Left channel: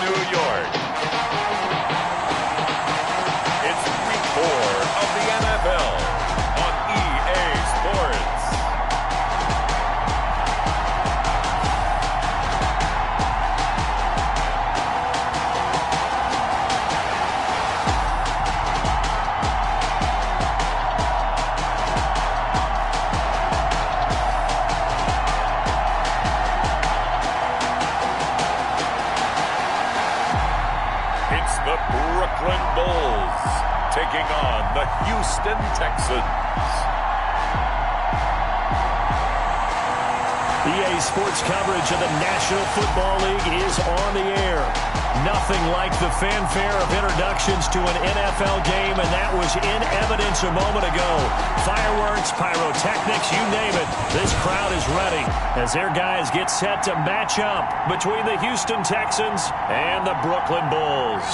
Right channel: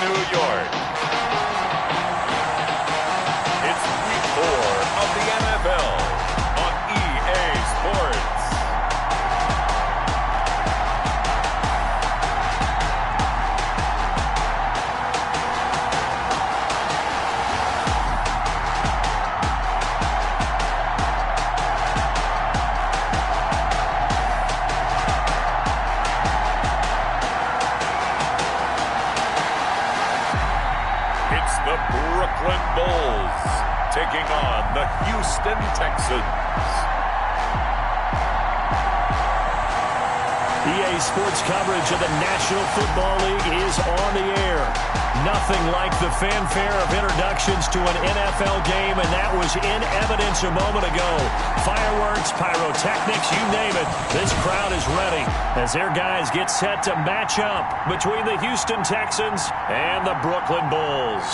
New York. It's week 4 of the NFL on EA Sports. The Brooklyn Bulls taking on the Houston Texans. EA Sports coverage of the National Football League is on the air. Nothing like the fanfare of introductions to an NFL game, and that was in evidence a moment ago. Fireworks, pyrotechnics, you name it. This crowd is ready as their guys get set to match up between the Houston Texans and the Brooklyn Bulls.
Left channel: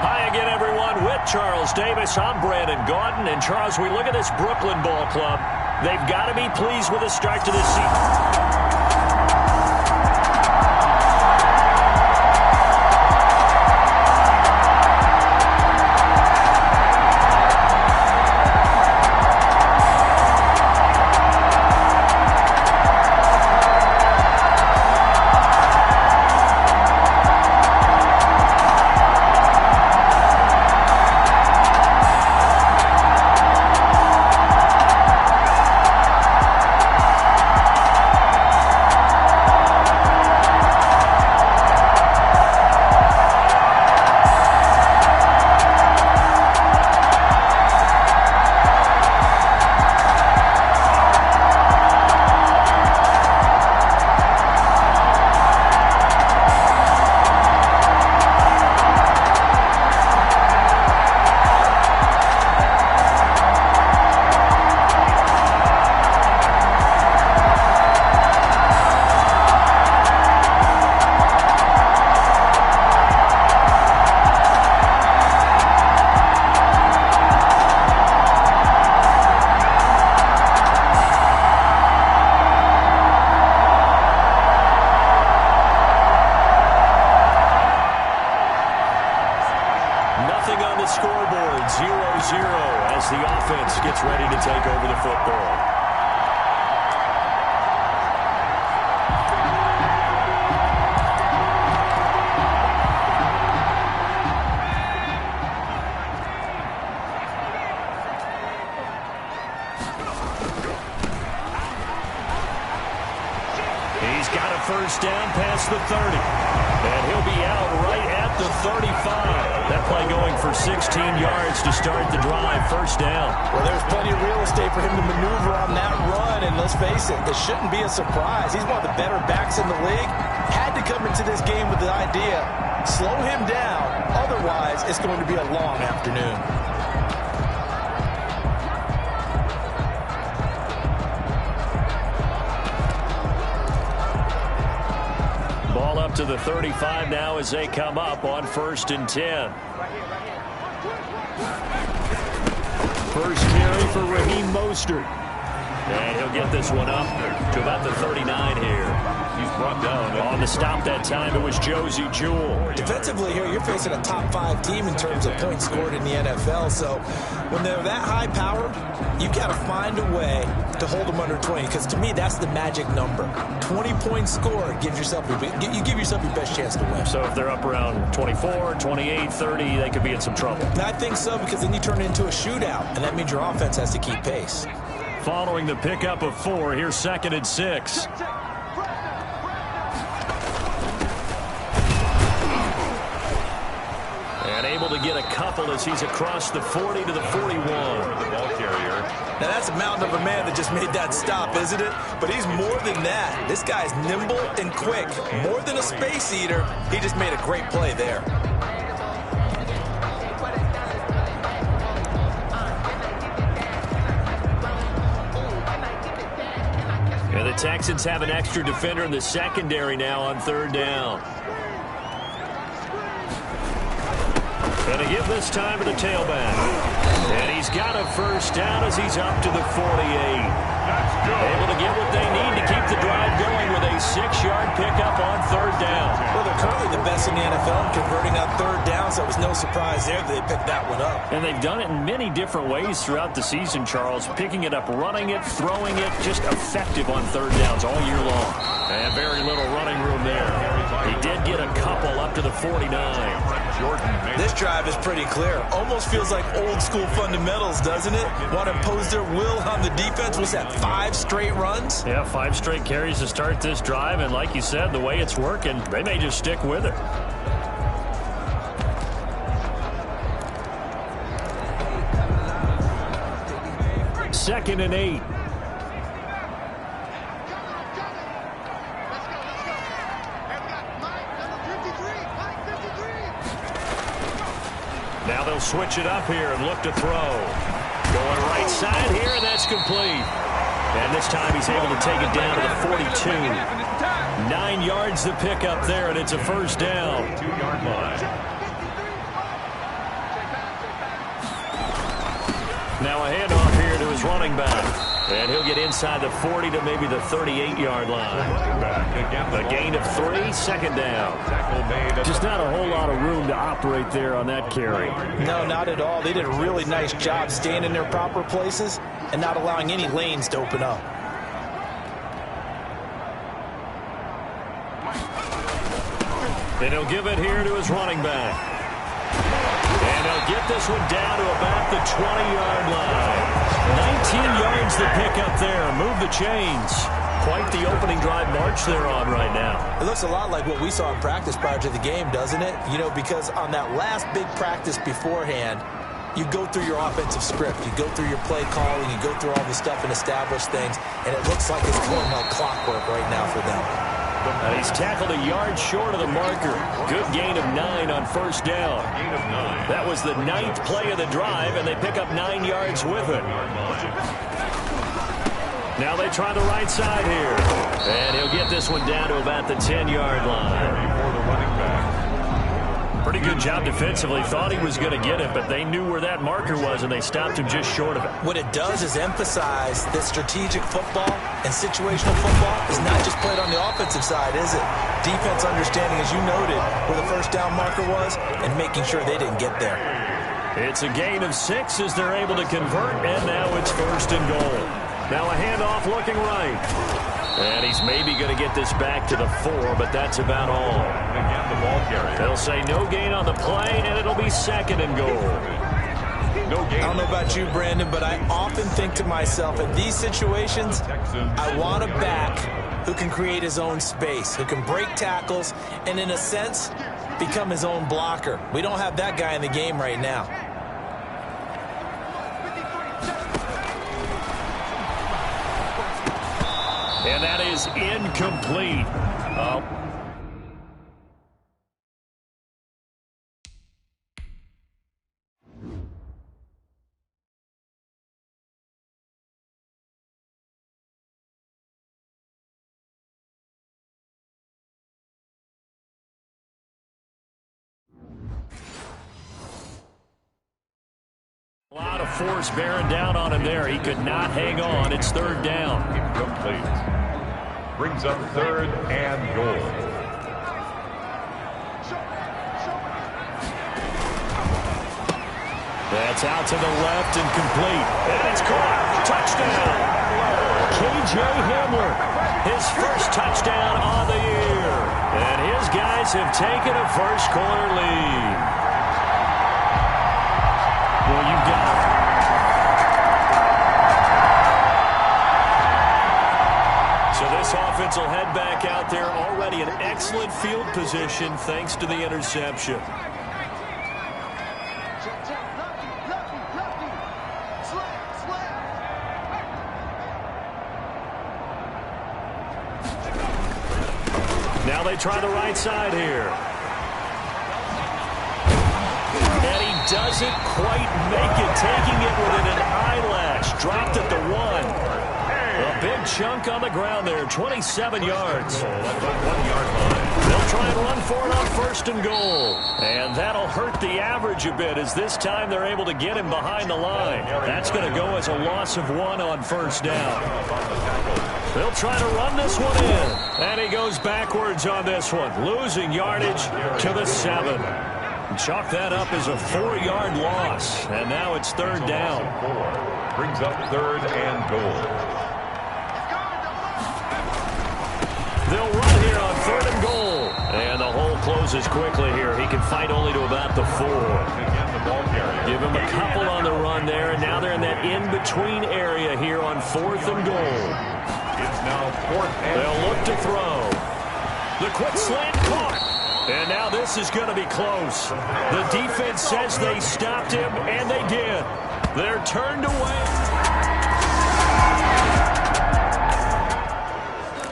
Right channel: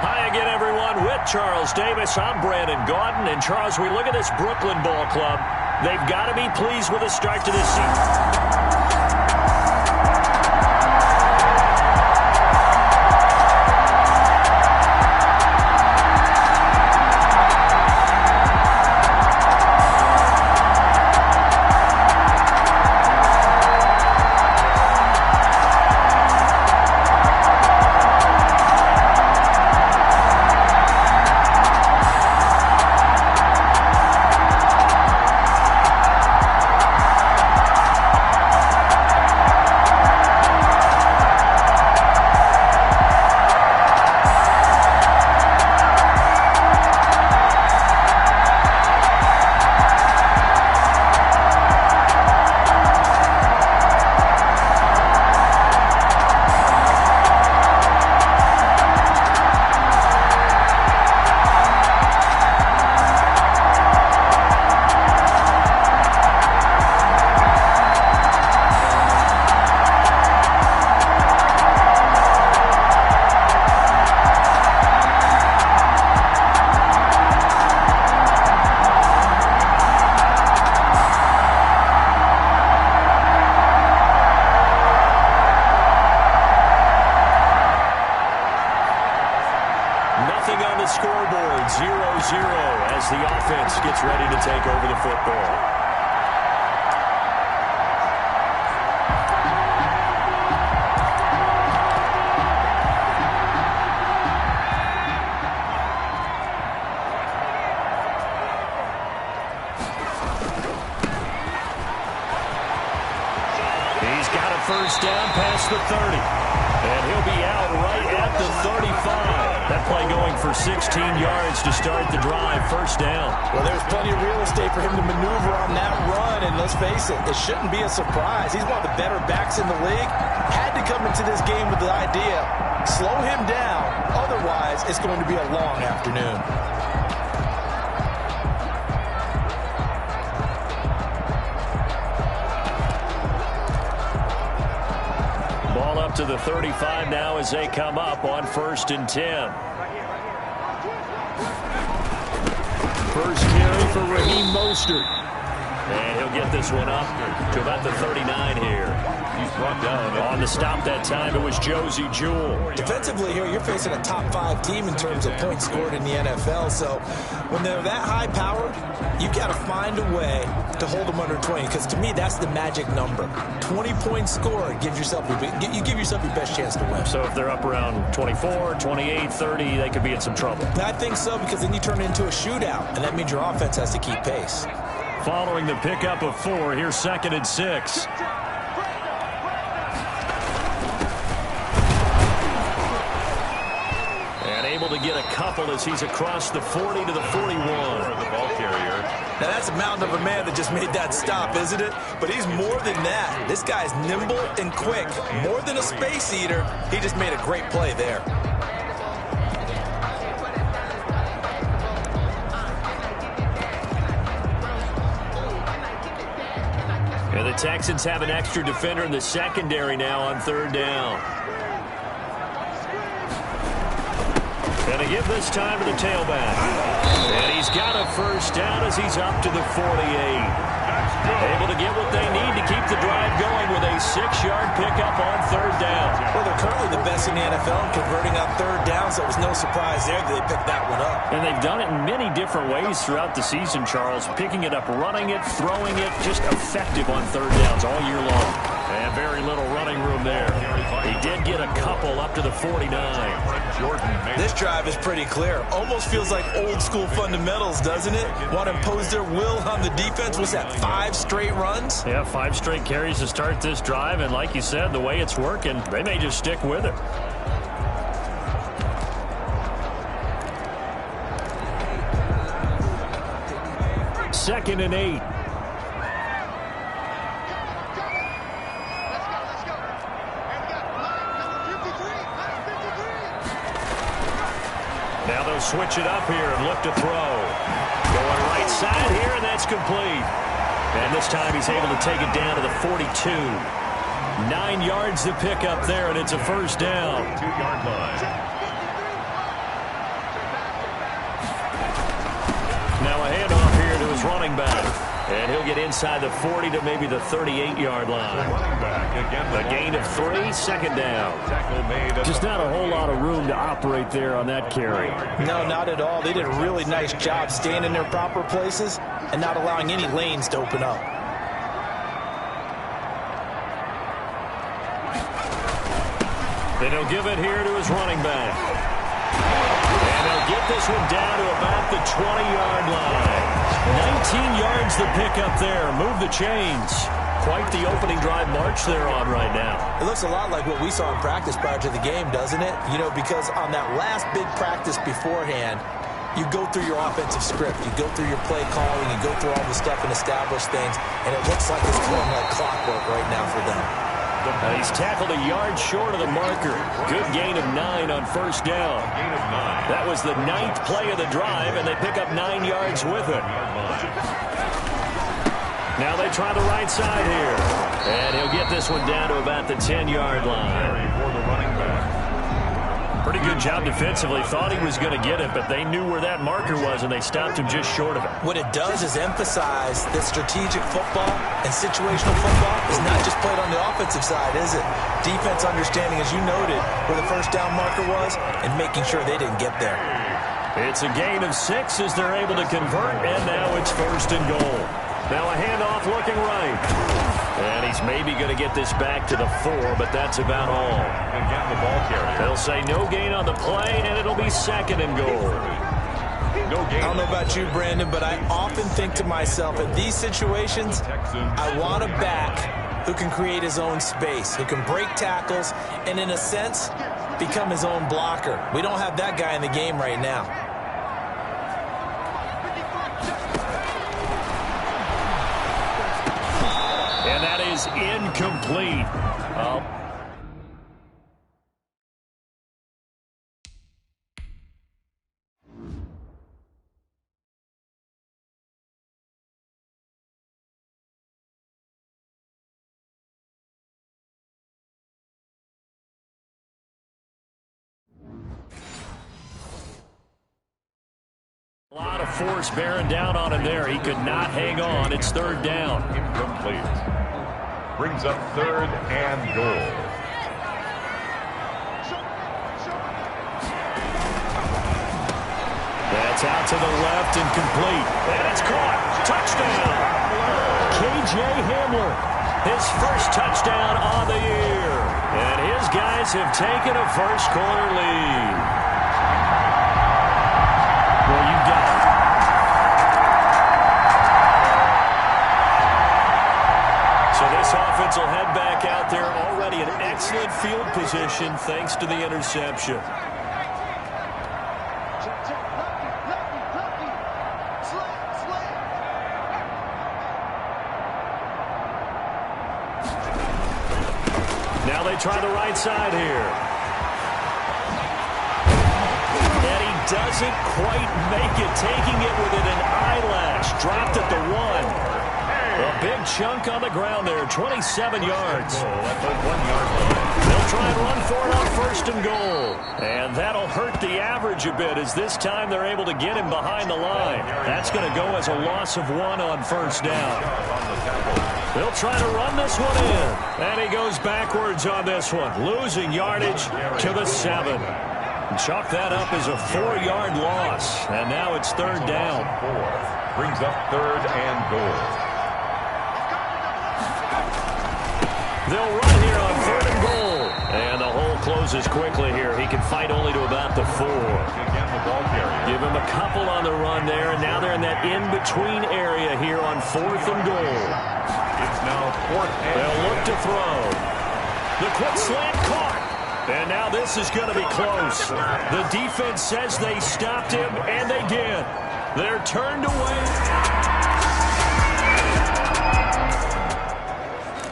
Hi again, everyone. With Charles Davis, I'm Brandon Gaudin. And, Charles, we look at this Brooklyn ball club. They've got to be pleased with the start to this season. Nothing on the scoreboard, 0-0 as the offense gets ready to take over the football. He's got a first down past the 30. And he'll be out right at the 35. That play going for 16 yards to start the drive. First down. Well, there's plenty of real estate for him to maneuver on that run. And let's face it, it shouldn't be a surprise. He's one of the better backs in the league. Had to come into this game with the idea, slow him down. Otherwise, it's going to be a long afternoon. Ball up to the 35 now as they come up on 1st and 10. First carry for Raheem Mostert. And he'll get this one up to about the 39 here. He's brought down. On the stop that time, it was Josie Jewell. Defensively here, you're facing a top 5 team in terms of points scored in the NFL. So when they're that high powered, you've got to find a way to hold them under 20. Because to me, that's the magic number. 20 points scored gives yourself you give yourself your best chance to win. So if they're up around 24, 28, 30, they could be in some trouble. I think so, because then you turn it into a shootout, and that means your offense has to keep pace. Following the pickup of 4, here's 2nd and 6. And able to get a couple as he's across the 40 to the 41. The ball carrier. Now that's a mountain of a man that just made that stop, isn't it? But he's more than that. This guy's nimble and quick. More than a space eater. He just made a great play there. And the Texans have an extra defender in the secondary now on 3rd down. Going to give this time to the tailback. And he's got a first down as he's up to the 48. Able to get what they need to keep the drive going with a 6-yard pickup on third down. Well, they're currently the best in the NFL in converting on third down, so it was no surprise there that they picked that one up. And they've done it in many different ways throughout the season, Charles. Picking it up, running it, throwing it, just effective on third downs all year long. And very little running room there. He did get a couple up to the 49. This drive is pretty clear. Almost feels like old school fundamentals, doesn't it? Want to impose their will on the defense. Was that 5 straight runs? Yeah, 5 straight carries to start this drive. And like you said, the way it's working, they may just stick with it. Second and 8. Now they'll switch it up here and look to throw. Going right side here, and that's complete. And this time he's able to take it down to the 42. 9 yards to pick up there, and it's a first down. 2-yard line. Now a handoff here to his running back. And he'll get inside the 40 to maybe the 38-yard line. A gain of 3, second down. Just not a whole lot of room to operate there on that carry. No, not at all. They did a really nice job staying in their proper places and not allowing any lanes to open up. And he'll give it here to his running back. And he'll get this one down to about the 20-yard line. 19 yards to pick up there. Move the chains. Quite the opening drive march they're on right now. It looks a lot like what we saw in practice prior to the game, doesn't it? You know, because on that last big practice beforehand, you go through your offensive script. You go through your play calling. You go through all the stuff and establish things. And it looks like it's going like clockwork right now for them. And he's tackled a yard short of the marker. Good gain of 9 on first down. That was the 9th play of the drive, and they pick up 9 yards with it. Now they try the right side here. And he'll get this one down to about the 10-yard line. For the running back. Pretty good job defensively. Thought he was going to get it, but they knew where that marker was, and they stopped him just short of it. What it does is emphasize that strategic football and situational football is not just played on the offensive side, is it? Defense understanding, as you noted, where the first down marker was and making sure they didn't get there. It's a gain of 6 as they're able to convert, and now it's first and goal. Now a handoff looking right. And he's maybe going to get this back to the 4, but that's about all. Again, the ball carrier. They'll say no gain on the play, and it'll be second and goal. No gain. I don't know about you, Brandon, but I often think to myself, in these situations, I want a back who can create his own space, who can break tackles, and in a sense, become his own blocker. We don't have that guy in the game right now. And that is incomplete. A lot of force bearing down on him there. He could not hang on. It's third down. Incomplete. Brings up third and goal. That's out to the left and complete. And it's caught. Touchdown. K.J. Hamler, his first touchdown on the year. And his guys have taken a first quarter lead. Well, you got it. So this offense will head back out there already in excellent field position thanks to the interception. Now they try the right side here. And he doesn't quite make it, taking it within an eyelash. Dropped at the 1. A big chunk on the ground there, 27 yards. At the 1-yard line. They'll try and run for it on first and goal. And that'll hurt the average coverage a bit, as this time they're able to get him behind the line. That's going to go as a loss of 1 on first down. They'll try to run this one in. And he goes backwards on this one, losing yardage to the 7. Chalk that up as a 4-yard loss. And now it's third down. Brings up 3rd and goal. They'll run here on 3rd and goal. And the hole closes quickly here. He can fight only to about the 4. Again, the ball carrier. Give him a couple on the run there, and now they're in that in-between area here on 4th and goal. It's now 4th and they'll look to throw. The quick slant caught. And now this is going to be close. The defense says they stopped him, and they did. They're turned away.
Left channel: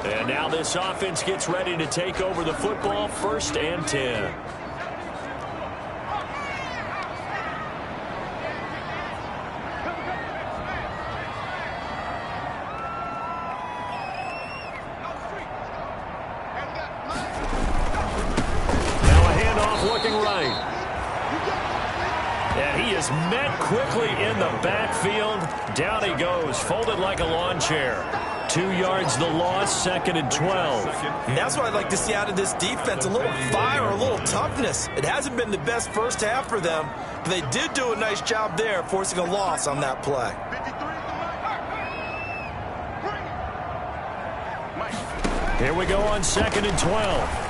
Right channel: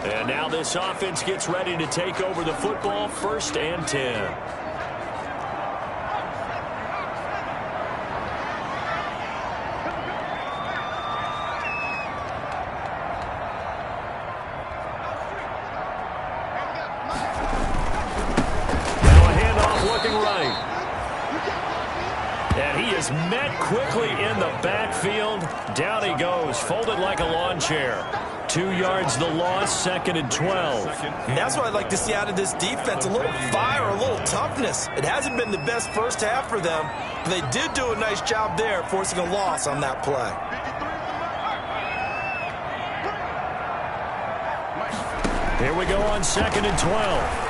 And now this offense gets ready to take over the football, 1st and 10. Looking right. And he is met quickly in the backfield. Down he goes, folded like a lawn chair. 2 yards the loss, 2nd and 12. And that's what I'd like to see out of this defense, a little fire, a little toughness. It hasn't been the best first half for them, but they did do a nice job there, forcing a loss on that play. Here we go on 2nd and 12.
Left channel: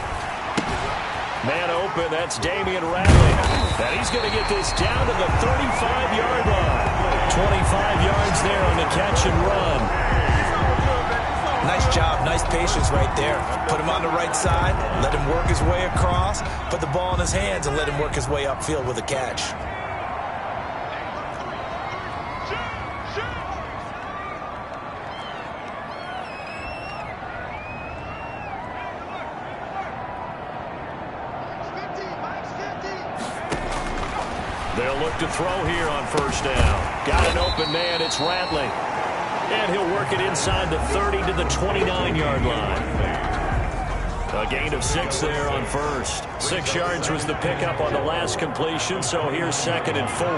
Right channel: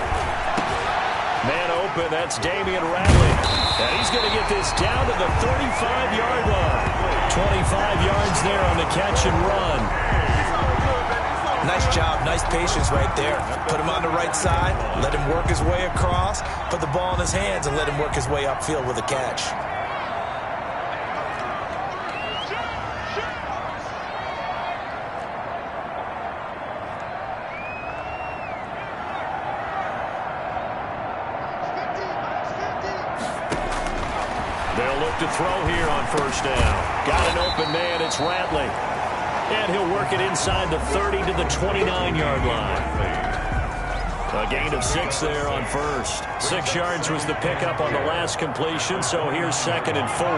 Man open, that's Damian Ratley. And he's going to get this down to the 35-yard line. 25 yards there on the catch and run. Nice job, nice patience right there. Put him on the right side, let him work his way across, put the ball in his hands, and let him work his way upfield with a catch. They'll look to throw here on 1st down. Got an open man, it's Ratley. And he'll work it inside the 30 to the 29-yard line. A gain of 6 there on 1st. 6 yards was the pickup on the last completion, so here's 2nd and 4.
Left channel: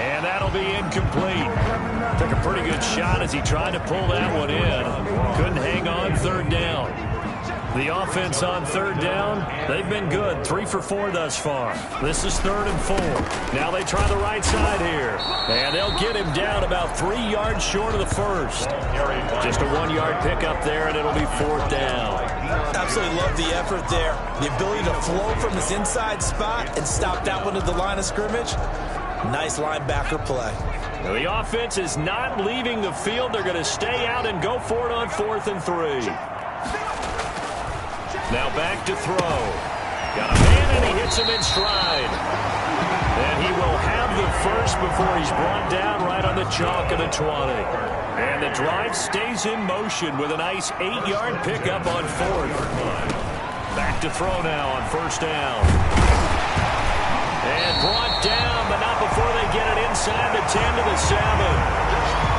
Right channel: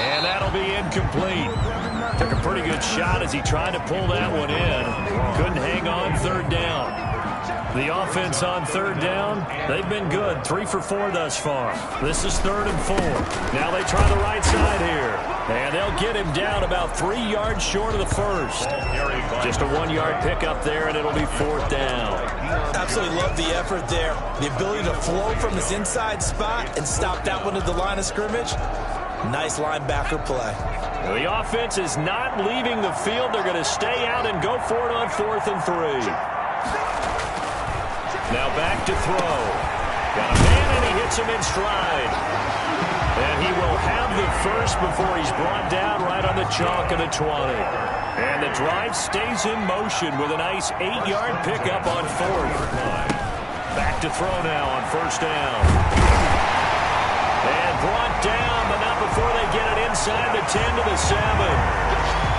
And that'll be incomplete. Took a pretty good shot as he tried to pull that one in. Couldn't hang on 3rd down. The offense on 3rd down, they've been good. 3 for 4 thus far. This is 3rd and 4. Now they try the right side here. And they'll get him down about 3 yards short of the 1st. Just a 1-yard pickup there, and it'll be 4th down. Absolutely love the effort there. The ability to flow from his inside spot and stop that one at the line of scrimmage. Nice linebacker play. The offense is not leaving the field. They're going to stay out and go for it on 4th and 3. Now back to throw. Got a man, and he hits him in stride. And he will have the first before he's brought down right on the chalk of the 20. And the drive stays in motion with a nice 8-yard pickup on 4th. Back to throw now on 1st down. And brought down, but not before they get it inside the 10 to the 7.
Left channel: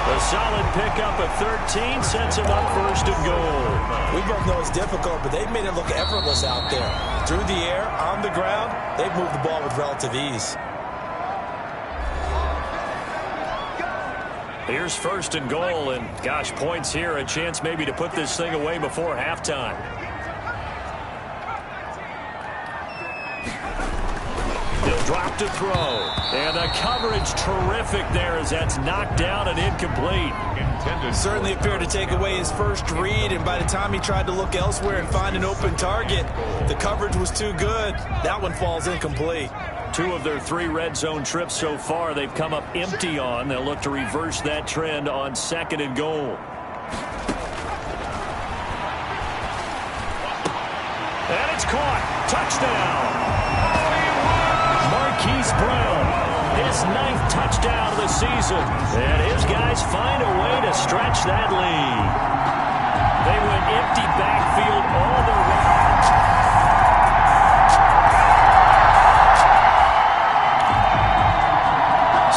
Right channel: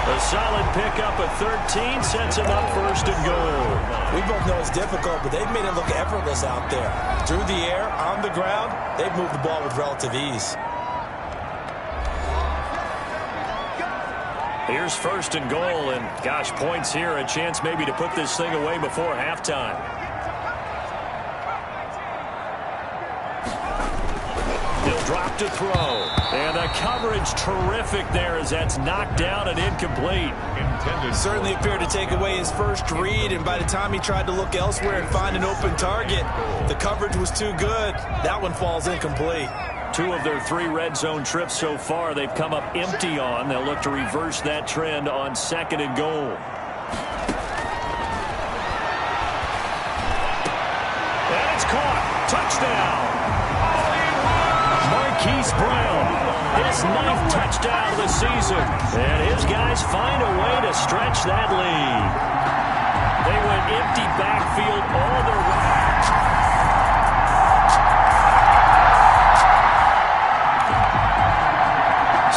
A solid pickup of 13 sets him up 1st and goal. We both know it's difficult, but they've made it look effortless out there. Through the air, on the ground, they've moved the ball with relative ease. Here's 1st and goal, and gosh, points here, a chance maybe to put this thing away before halftime. He'll drop to throw. And the coverage terrific there as that's knocked down and incomplete. Certainly appeared to take away his first read, and by the time he tried to look elsewhere and find an open target, the coverage was too good. That one falls incomplete. 2 of their 3 red zone trips so far they've come up empty on. They'll look to reverse that trend on 2nd and goal. And it's caught. Touchdown. Marquise Brown, his 9th touchdown of the season. And his guys find a way to stretch that lead. They went empty backfield all their way.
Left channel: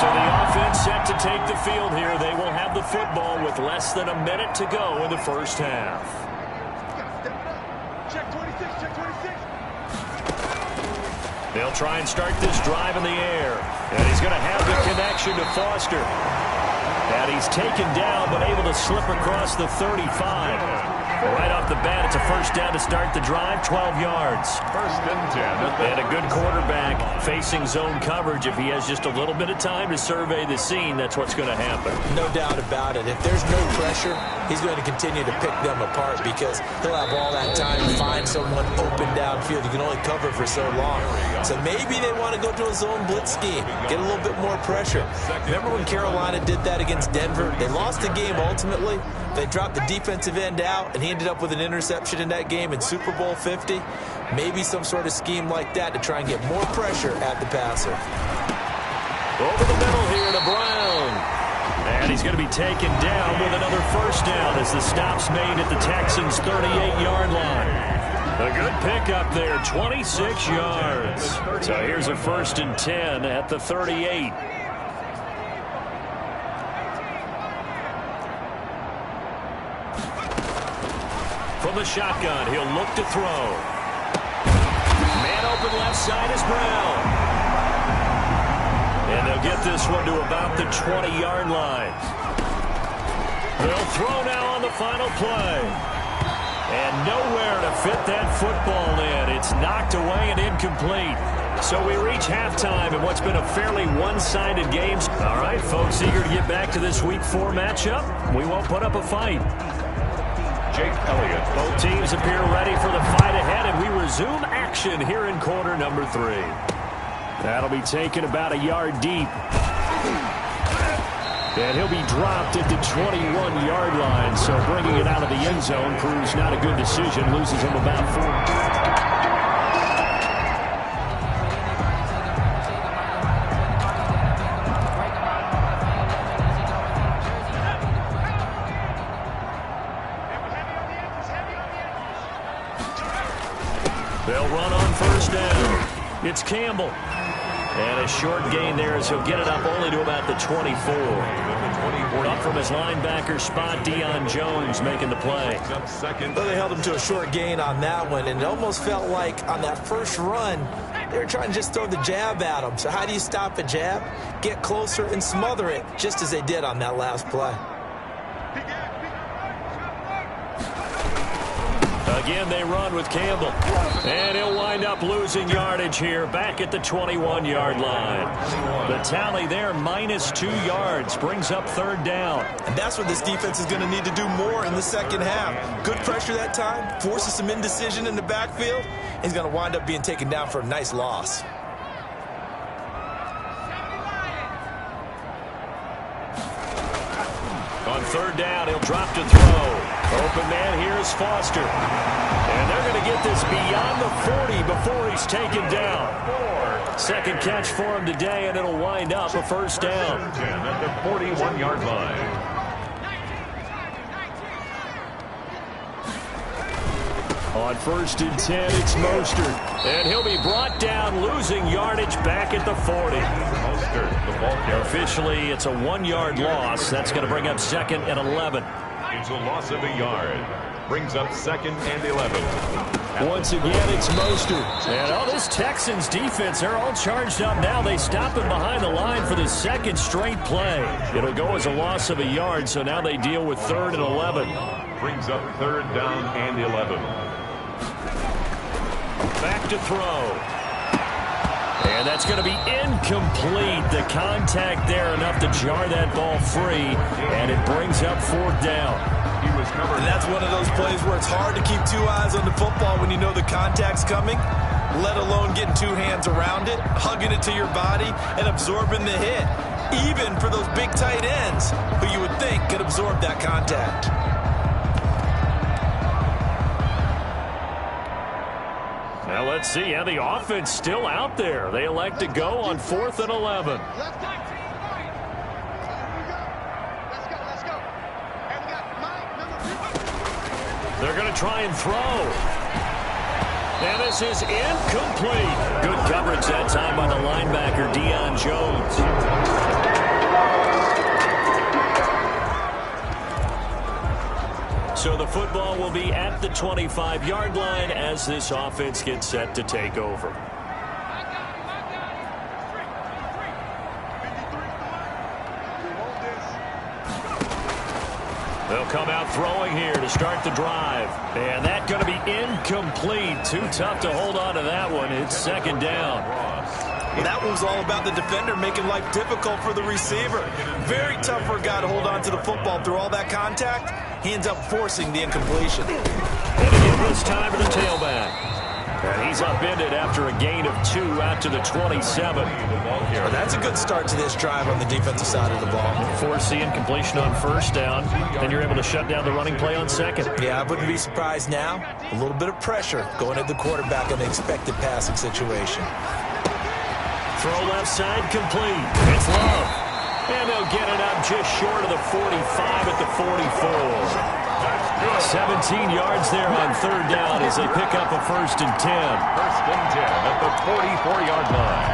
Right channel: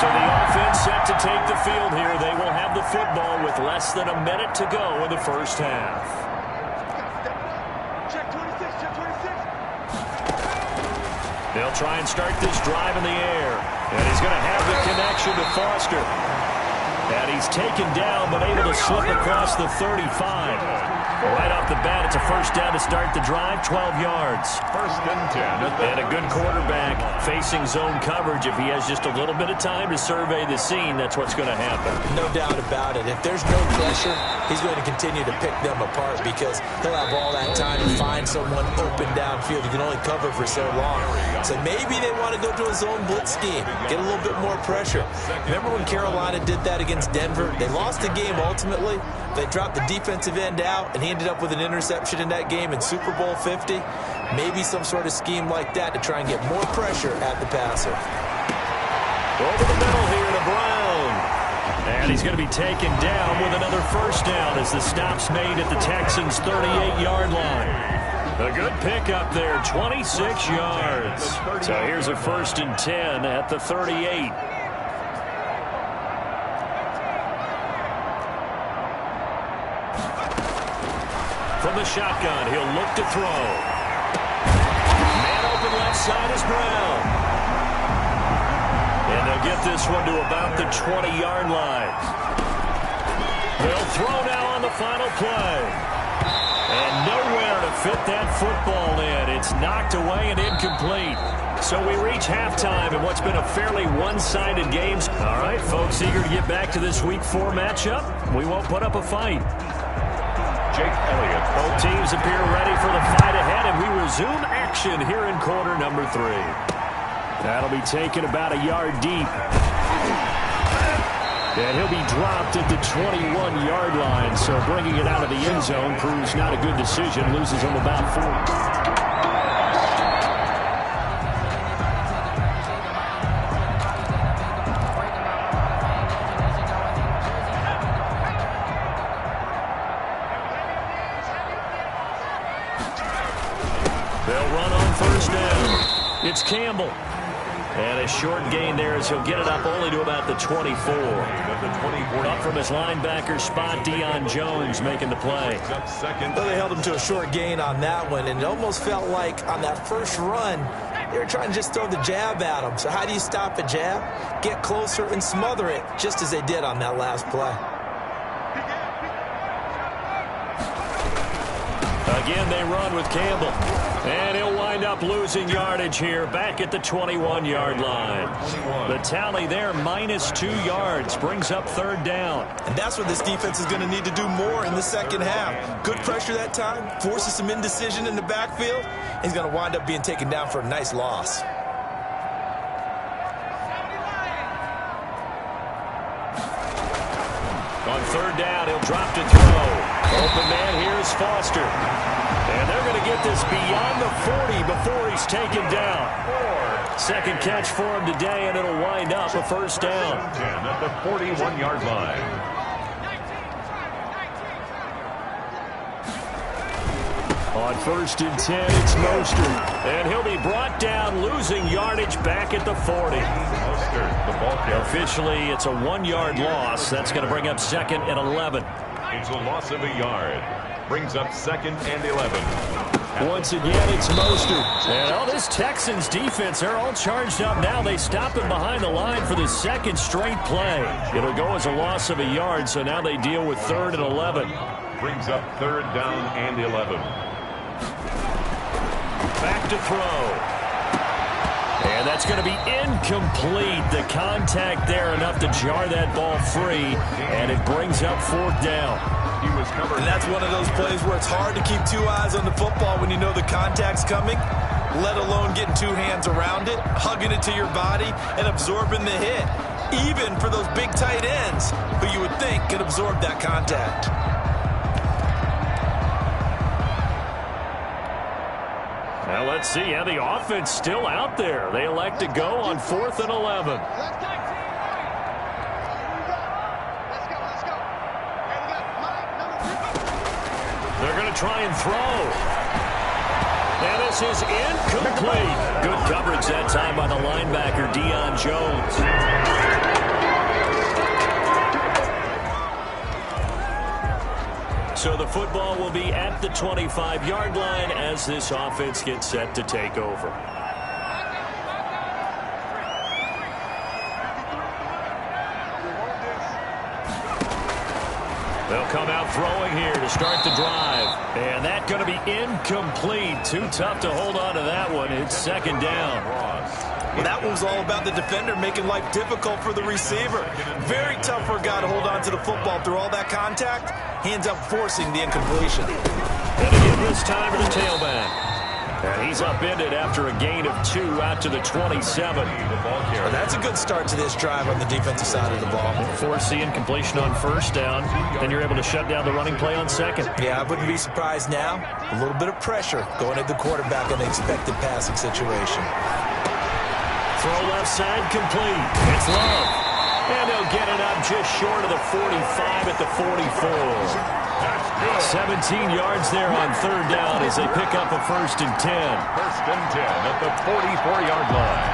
So the offense set to take the field here. They will have the football with less than a minute to go in the first half. Check 26, check 26. They'll try and start this drive in the air. And he's going to have the connection to Foster. And he's taken down but able to slip across the 35. Right off the bat, it's a first down to start the drive, 12 yards. First and 10. And a good quarterback facing zone coverage. If he has just a little bit of time to survey the scene, that's what's going to happen. No doubt about it. If there's no pressure, he's going to continue to pick them apart because he'll have all that time to find someone open downfield. You can only cover for so long. So maybe they want to go to a zone blitz scheme, get a little bit more pressure. Remember when Carolina did that against Denver? They lost the game ultimately. They dropped the defensive end out, and he ended up with an interception in that game in Super Bowl 50. Maybe some sort of scheme like that to try and get more pressure at the passer. Over the middle here to Brown. And he's going to be taken down with another first down as the stop's made at the Texans' 38-yard line. A good pickup there, 26 yards. So here's a first and 10 at the 38. From the shotgun, he'll look to throw. Man open left side is Brown. And they'll get this one to about the 20-yard line. They'll throw now on the final play. And nowhere to fit that football in. It's knocked away and incomplete. So we reach halftime in what's been a fairly one-sided game. All right, folks, eager to get back to this Week 4 matchup. We won't put up a fight. Jake Elliott. Both teams appear ready for the fight ahead, and we resume action here in quarter number 3. That'll be taken about a yard deep. And he'll be dropped at the 21-yard line, so bringing it out of the end zone proves not a good decision. Loses him about 4. They'll run on first down. It's Campbell. And a short gain there as he'll get it up only to about the 24. Up from his linebacker spot, Deion Jones making the play. Well, they held him to a short gain on that one, and it almost felt like on that first run, they were trying to just throw the jab at him. So how do you stop a jab? Get closer and smother it, just as they did on that last play. Again, they run with Campbell. And he'll wind up losing yardage here back at the 21-yard line. The tally there, -2 yards, brings up third down. And that's what this defense is going to need to do more in the second half. Good pressure that time, forces some indecision in the backfield. He's going to wind up being taken down for a nice loss. On third down, he'll drop to throw. Open man here is Foster. And they're going to get this beyond the 40 before he's taken down. Second catch for him today, and it'll wind up a first down. 10 at the 41-yard line. On first and 10, it's Mostert. And he'll be brought down, losing yardage back at the 40. Mostert, the ball carrier. Officially, it's a 1-yard loss. That's going to bring up second and 11. It's a loss of a yard. Brings up second and 11. Once again, it's Mostert. And this Texans defense, they're all charged up now. They stop him behind the line for the second straight play. It'll go as a loss of a yard, so now they deal with third and 11. Brings up third down and 11. Back to throw. And that's going to be incomplete. The contact there enough to jar that ball free, and it brings up fourth down. He was covered. And that's one of those plays where it's hard to keep two eyes on the football when you know the contact's coming, let alone getting two hands around it, hugging it to your body, and absorbing the hit, even for those big tight ends who you would think could absorb that contact. Now let's see. Yeah, the offense still out there. They elect to go on 4th and 11. Let's go, team. Let's go. And we got Mike, number 2. They're going to try and throw. And this is incomplete. Good coverage that time by the linebacker, Deion Jones. So the football will be at the 25-yard line as this offense gets set to take over. They'll come out throwing here to start the drive. And that's going to be incomplete. Too tough to hold on to that one. It's second down. Well, that one was all about the defender making life difficult for the receiver. Very tough for a guy to hold on to the football through all that contact. He ends up forcing the incompletion. And again this time to the tailback. And he's upended after a gain of 2 out to the 27. Well, that's a good start to this drive on the defensive side of the ball. Force the incompletion on first down. Then you're able to shut down the running play on second. Yeah, I wouldn't be surprised now. A little bit of pressure going at the quarterback in an expected passing situation. Throw left side complete. It's Love. And they'll get it up just short of the 45 at the 44. 17 yards there on third down as they pick up a 1st and 10. 1st and 10 at the 44-yard line.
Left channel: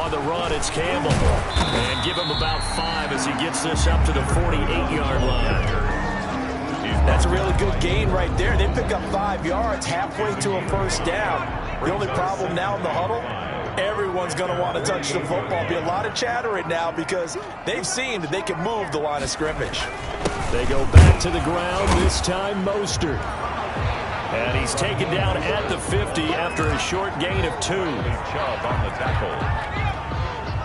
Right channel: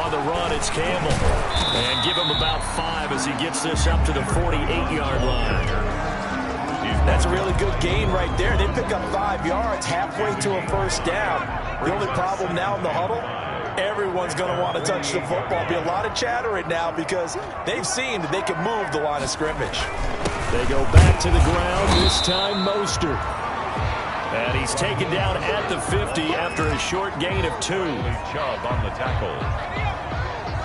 On the run, it's Campbell. And give him about 5 as he gets this up to the 48-yard line. That's a really good gain right there. They pick up 5 yards halfway to a 1st down. The only problem now in the huddle, everyone's going to want to touch the football. Be a lot of chatter right now because they've seen that they can move the line of scrimmage. They go back to the ground, this time Mostert. And he's taken down at the 50 after a short gain of 2. Chubb on the tackle.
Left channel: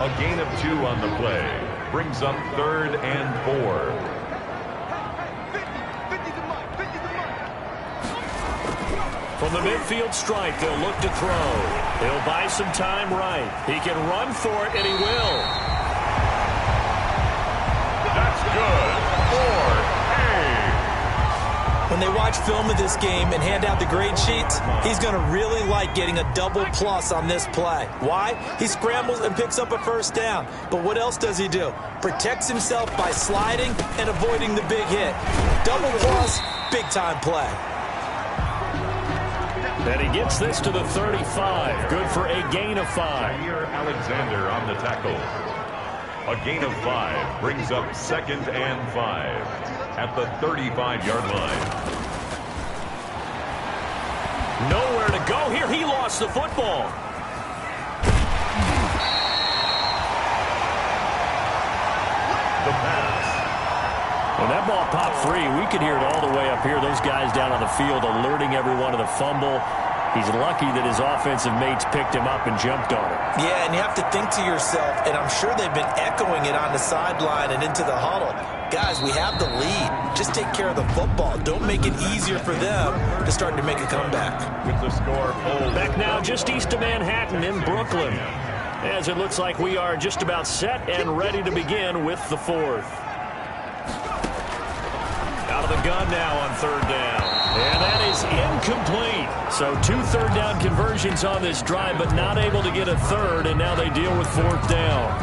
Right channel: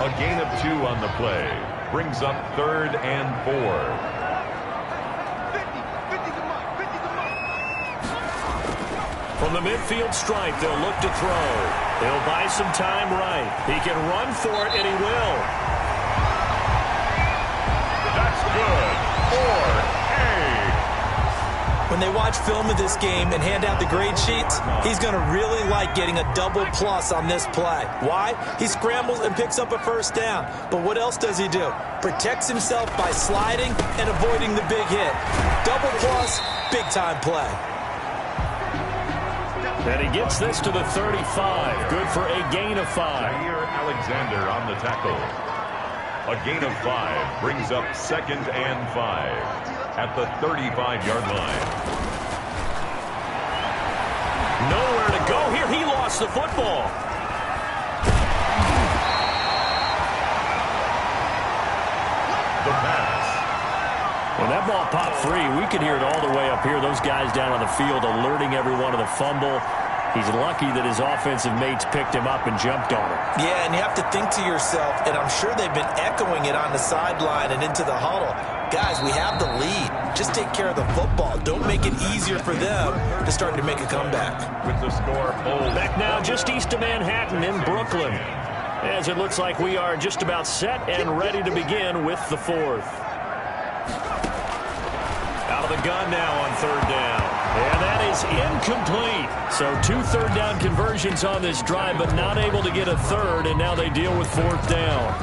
A gain of 2 on the play. Brings up 3rd and 4. From the midfield stripe, they'll look to throw. He'll buy some time right. He can run for it, and he will. That's good. 4A. When they watch film of this game and hand out the grade sheets, he's going to really like getting a double plus on this play. Why? He scrambles and picks up a 1st down. But what else does he do? Protects himself by sliding and avoiding the big hit. Double plus, big-time play. And he gets this to the 35. Good for a gain of 5. Jair Alexander on the tackle. A gain of 5 brings up 2nd and 5 at the 35-yard line. Nowhere to go here. He lost the football. The pass. When that ball popped free, we could hear it all the way up here. Those guys down on the field alerting everyone of the fumble. He's lucky that his offensive mates picked him up and jumped on him. Yeah, and you have to think to yourself, and I'm sure they've been echoing it on the sideline and into the huddle. Guys, we have the lead. Just take care of the football. Don't make it easier for them to start to make a comeback. With the score hold. Back now just east of Manhattan in Brooklyn. As it looks like we are just about set and ready to begin with the 4th. Out of the gun now on 3rd down. And that is incomplete. So 2 3rd down conversions on this drive, but not able to get a 3rd, and now they deal with 4th down.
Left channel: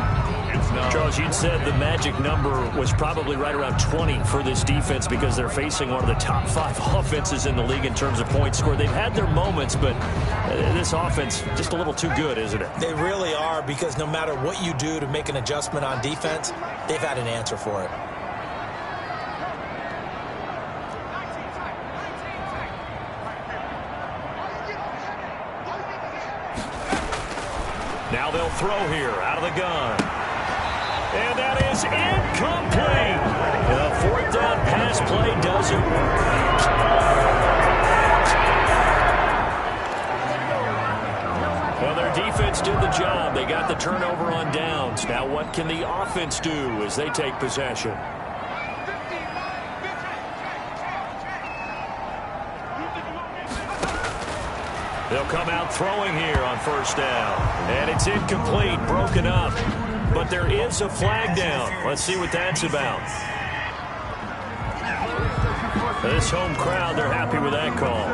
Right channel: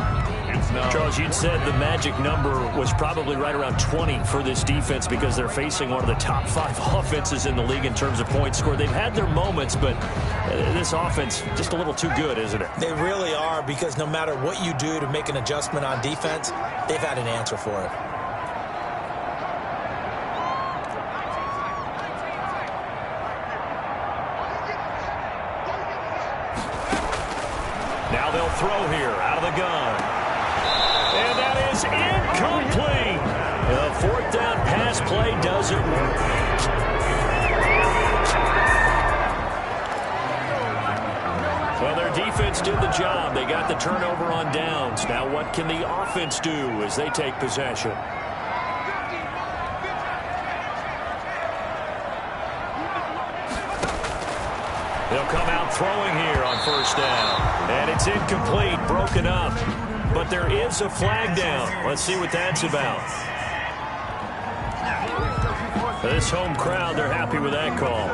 Charles, you'd said the magic number was probably right around 20 for this defense because they're facing one of the top 5 offenses in the league in terms of points scored. They've had their moments, but this offense just a little too good, isn't it? They really are, because no matter what you do to make an adjustment on defense, they've had an answer for it. Now they'll throw here out of the gun. And that is incomplete. The 4th down pass play doesn't work. Well, their defense did the job. They got the turnover on downs. Now what can the offense do as they take possession? They'll come out throwing here on 1st down. And it's incomplete, broken up. But there is a flag down. Let's see what that's about. This home crowd, they're happy with that call.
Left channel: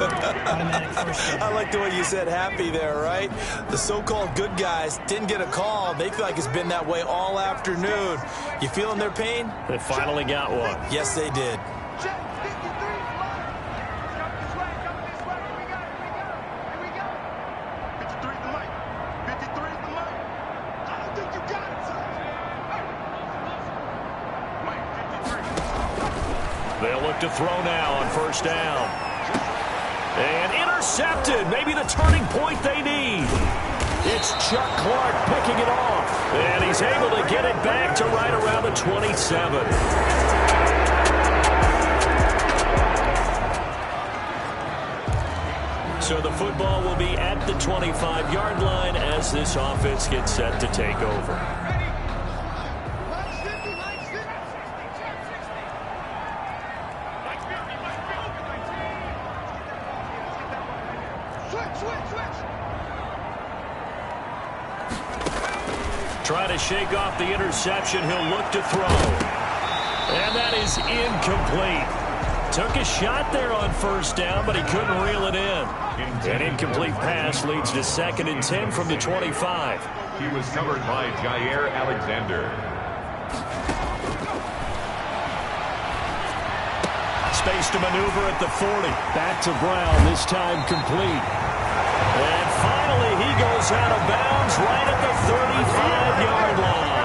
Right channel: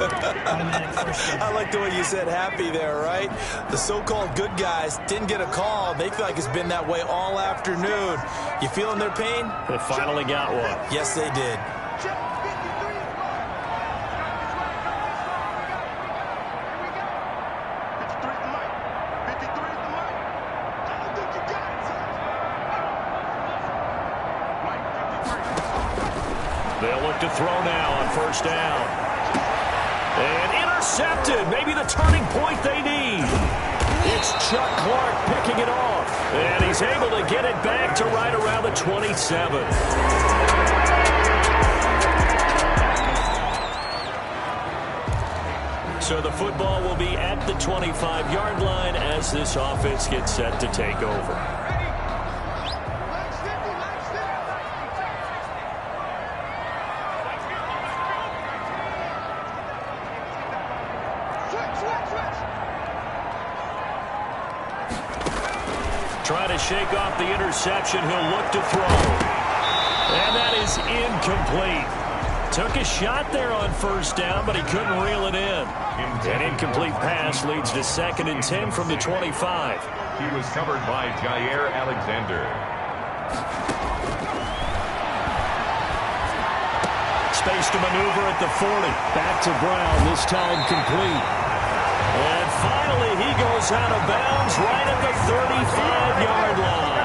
I like the way you said happy there, right? The so-called good guys didn't get a call. They feel like it's been that way all afternoon. You feeling their pain? They finally got one. Yes, they did. They'll look to throw now on first down. And intercepted. Maybe the turning point they need. It's Chuck Clark picking it off. And he's able to get it back to right around the 27. So the football will be at the 25-yard line as this offense gets set to take over. Trying to shake off the interception. He'll look to throw. And that is incomplete. Took a shot there on first down, but he couldn't reel it in. An incomplete pass leads to 2nd and 10 from the 25. He was covered by Jair Alexander. Space to maneuver at the 40. Back to Brown, this time complete. And finally, he goes out of bounds right at the 35-yard line.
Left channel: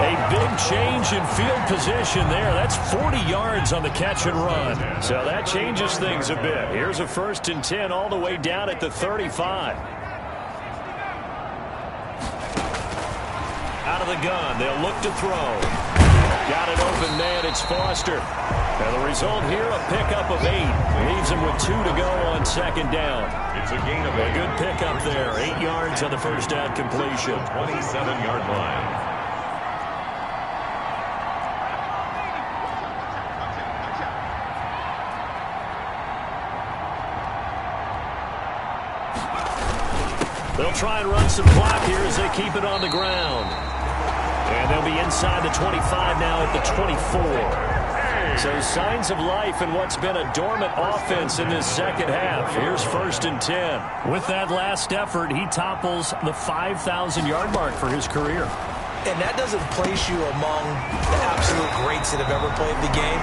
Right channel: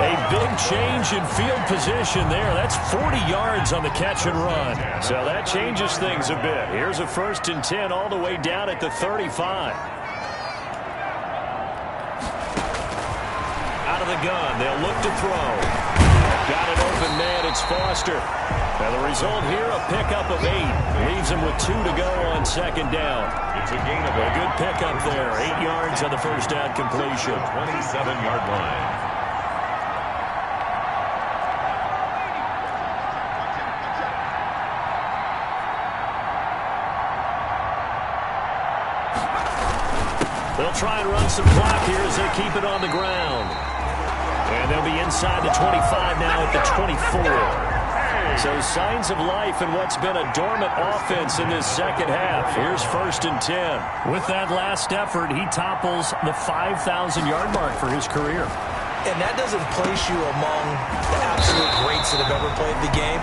A big change in field position there. That's 40 yards on the catch and run. So that changes things a bit. Here's a 1st and 10 all the way down at the 35. Out of the gun, they'll look to throw. Got an open man, it's Foster. Now the result here, a pickup of 8. Leaves him with 2 to go on 2nd down. It's a gain of 8. A good pickup there. 8 yards on the first down completion. 27-yard line. They'll try and run some clock here as they keep it on the ground. And they'll be inside the 25 now at the 24. So signs of life in what's been a dormant offense in this second half. Here's 1st and 10. With that last effort, he topples the 5,000-yard mark for his career. And that doesn't place you among the absolute greats that have ever played the game,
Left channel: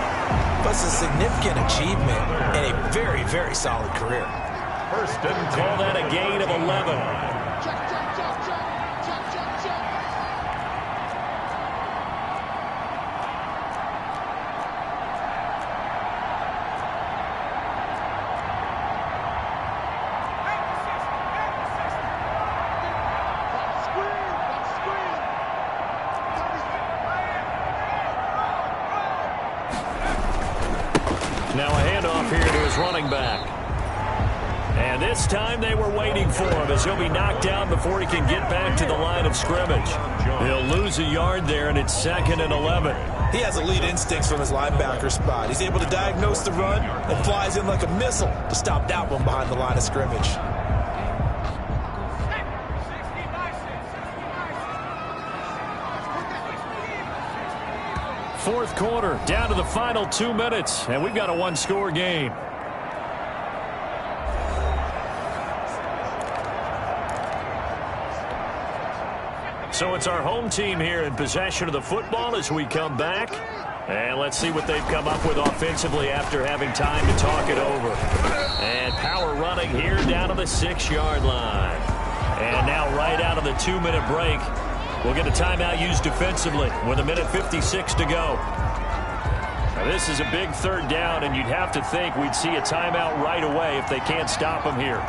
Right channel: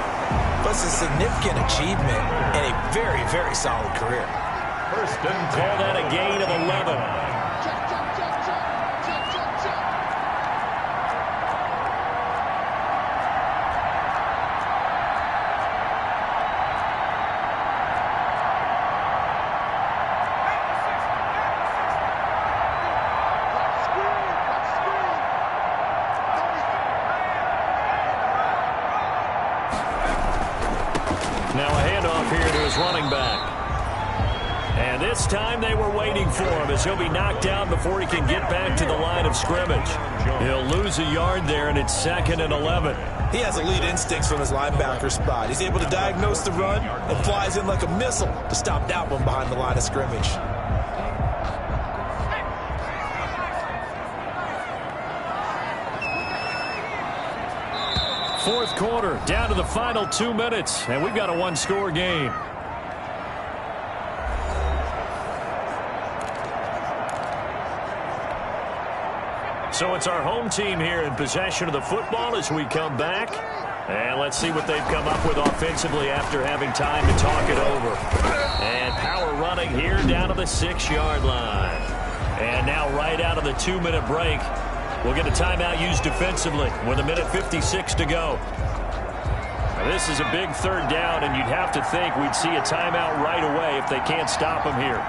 but it's a significant achievement and a very, very solid career. 1st and 10. Call that a gain of 11. Now a handoff here to his running back. And this time they were waiting for him as he'll be knocked down before he can get back to the line of scrimmage. He'll lose a yard there, and it's 2nd and 11. He has elite instincts from his linebacker spot. He's able to diagnose the run and flies in like a missile to stop that one behind the line of scrimmage. Fourth quarter, down to the final 2 minutes, and we've got a one-score game. So it's our home team here in possession of the football as we come back. And let's see what they've come up with offensively after having time to talk it over. And power running here down to the 6-yard line. And now right out of the 2-minute break, we'll get a timeout used defensively with 1:56 to go. Now this is a big 3rd down, and you'd have to think we'd see a timeout right away if they can't stop him here.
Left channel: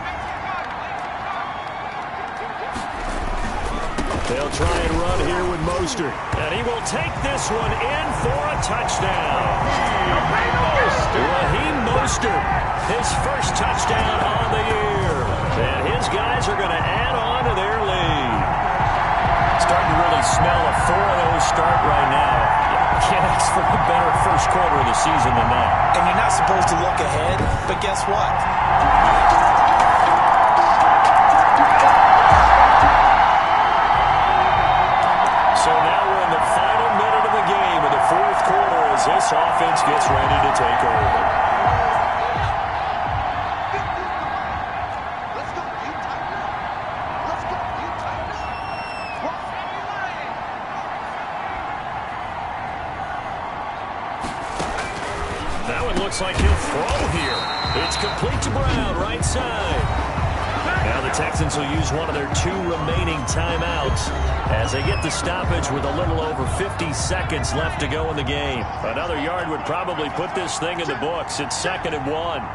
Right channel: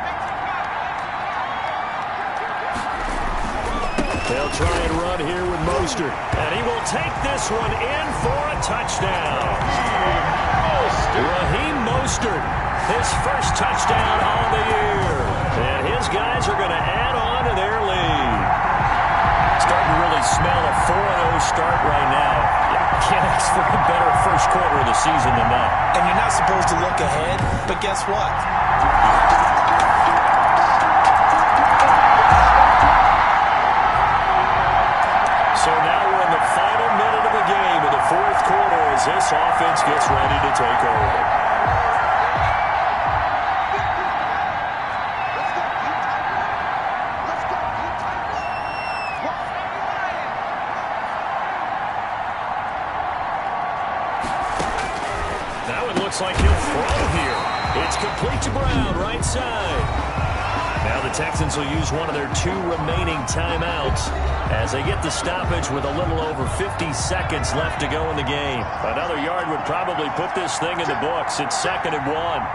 They'll try and run here with Mostert. And he will take this one in for a touchdown. Raheem Mostert, his first touchdown on the year. And his guys are going to add on to their lead. Starting to really smell a 4-0 start right now. Can't ask for a better first quarter of the season than that. And you're not supposed to look ahead, but guess what? So now we're in the final minute of the game in the 4th quarter as this offense gets ready to take over. Let's go, you Tigers! Let's go, you Tigers! Now it looks like he'll throw here. It's complete to Brown, right side. Now the Texans will use one of their 2 remaining timeouts as they get the stoppage with a little over 50 seconds left to go in the game. Another yard would probably put this thing in the books. It's 2nd and 1.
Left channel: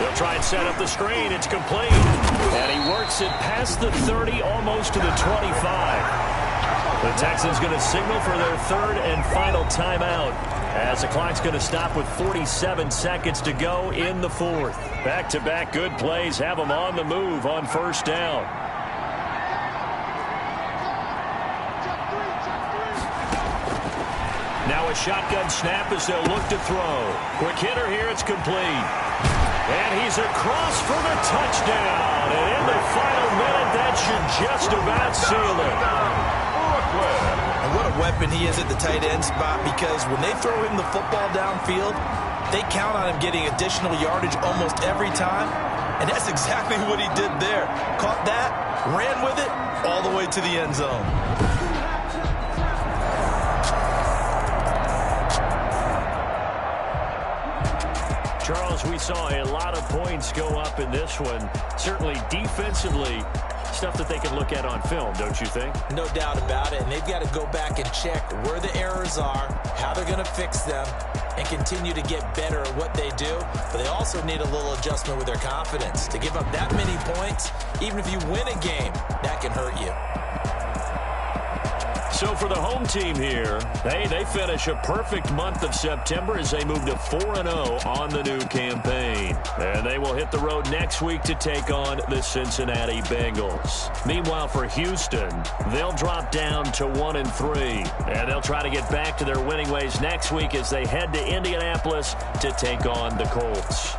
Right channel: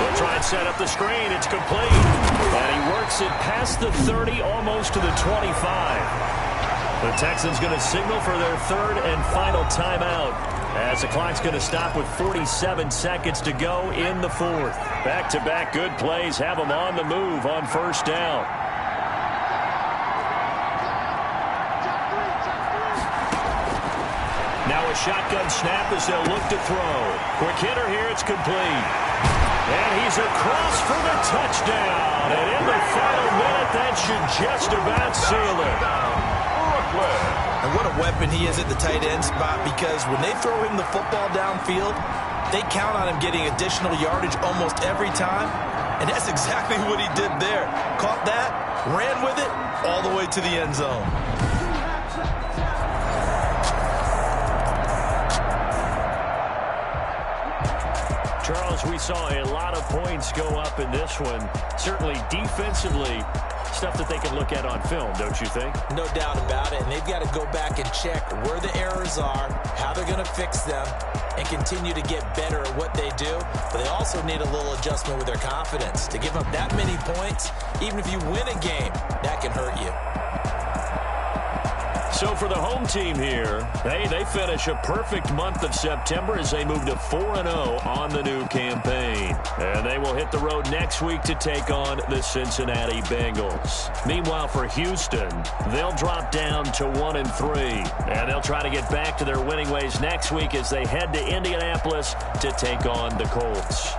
They'll try and set up the screen. It's complete. And he works it past the 30, almost to the 25. The Texans going to signal for their 3rd and final timeout as the clock's going to stop with 47 seconds to go in the 4th. Back-to-back good plays have them on the move on 1st down. Now a shotgun snap as they'll look to throw. Quick hitter here. It's complete. And he's across for the touchdown. And in the final minute, that should just about seal it. And what a weapon he is at the tight end spot, because when they throw him the football downfield, they count on him getting additional yardage almost every time. And that's exactly what he did there. Caught that, ran with it, all the way to the end zone. Charles, we saw a lot of points go up in this one. Certainly defensively, stuff that they can look at on film, don't you think? No doubt about it. And they've got to go back and check where the errors are, how they're going to fix them, and continue to get better at what they do. But they also need a little adjustment with their confidence. To give up that many points, even if you win a game, that can hurt you. So for the home team here, they finish a perfect month of September as they move to 4-0 on the new campaign. And they will hit the road next week to take on the Cincinnati Bengals. Meanwhile, for Houston, they'll drop down to 1-3. And they'll try to get back to their winning ways next week as they head to Indianapolis to take on the Colts.